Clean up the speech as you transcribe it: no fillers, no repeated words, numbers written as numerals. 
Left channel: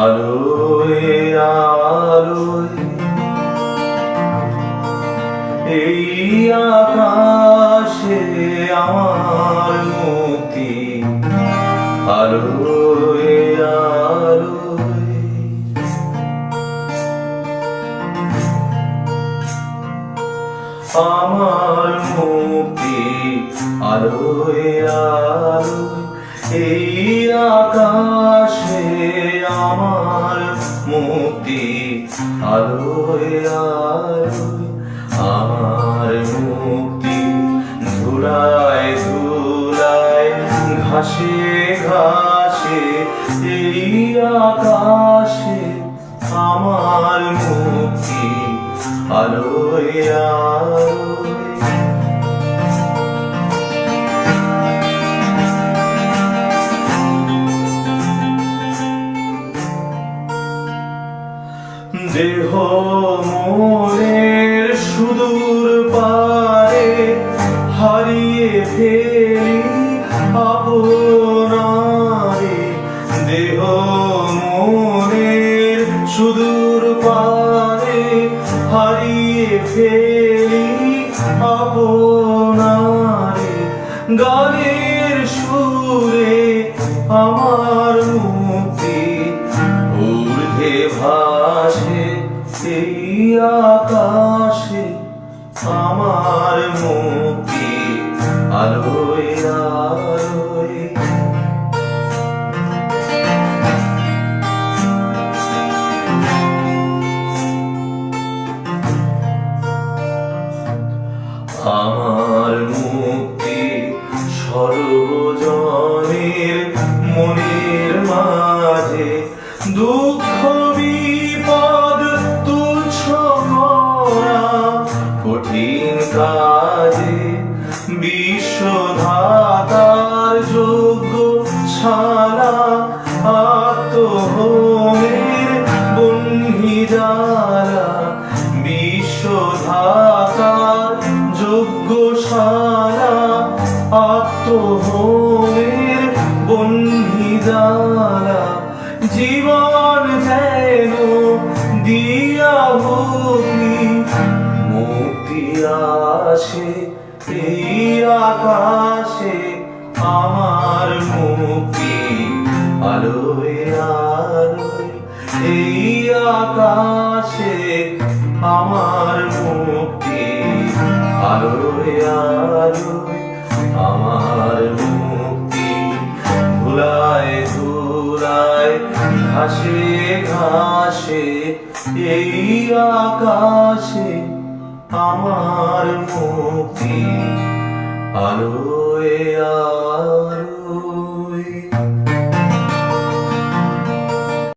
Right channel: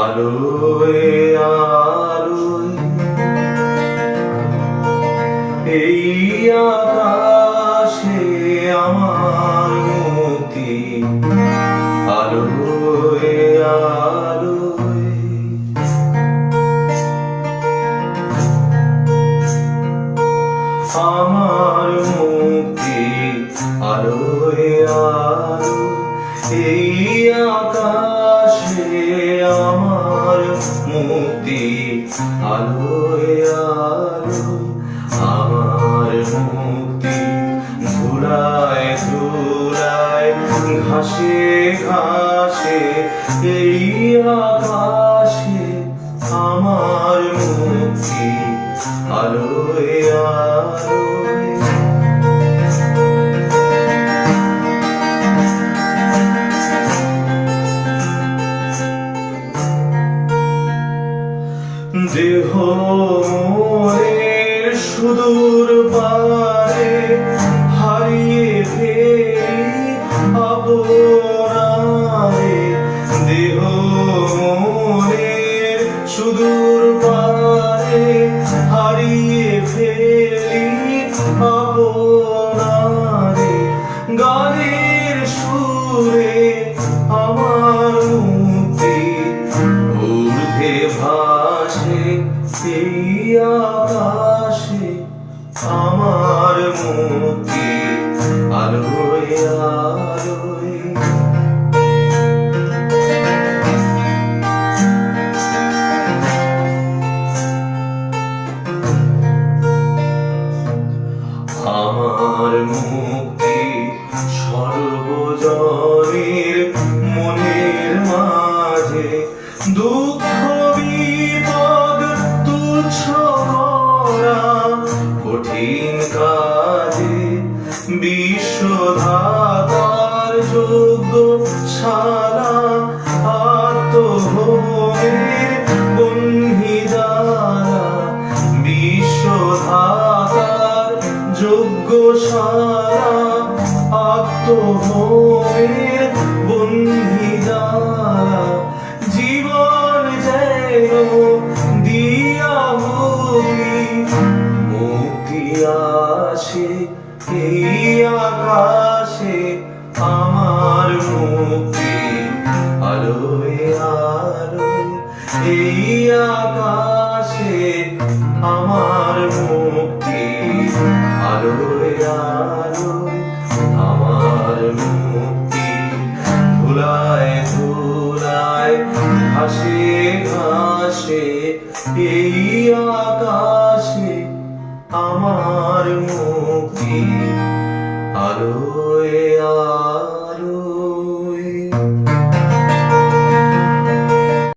আলোয় আলোয় এই আকাশে আমার মুক্তি, আলোয় আলোয় আমার মুক্তি, আলোয় আলোয় এই আকাশে আমার মুক্তি, আলোয় আলোয় আমার মুক্তি। ধুলায় ধুলায় ঘাসে ঘাসে এই আকাশে আমার মুক্তি, আলোয় আলোয় দেহ মোরের সুদূর পারে হারিয়ে ফেলি আপনারে, দেহ মোরের সুদূর পারে হারিয়ে ফেলি আপনারে। গানের সুরে আমার মুক্তি, ঊর্ধ্বে ভাসে এই আকাশে আমার মুক্তি, আলোয় আলোয় আমার মুক্তি। সর্বজনের মনের মাঝে দুঃখ বিপদ তুচ্ছ মরা কঠিন কাজে বিশ্বধাতার যোগ্য শালা আত্মহোমের বন্ধি যারা, বিশ্বধাতার যোগ্য শালা আত্মহোমের বন্ধি যারা। জীবন যেন দিয়া ভুগি মুক্তি আসে এই আকাশে আমার মুক্তি, আলোয় আলোয় এই আকাশে আমার মুক্তি, আলোয় আলোয় আমার মুক্তি। ধুলায় ধুলায় ঘাসে ঘাসে এই আকাশে আমার মুক্তি, আলোয় আলোয়।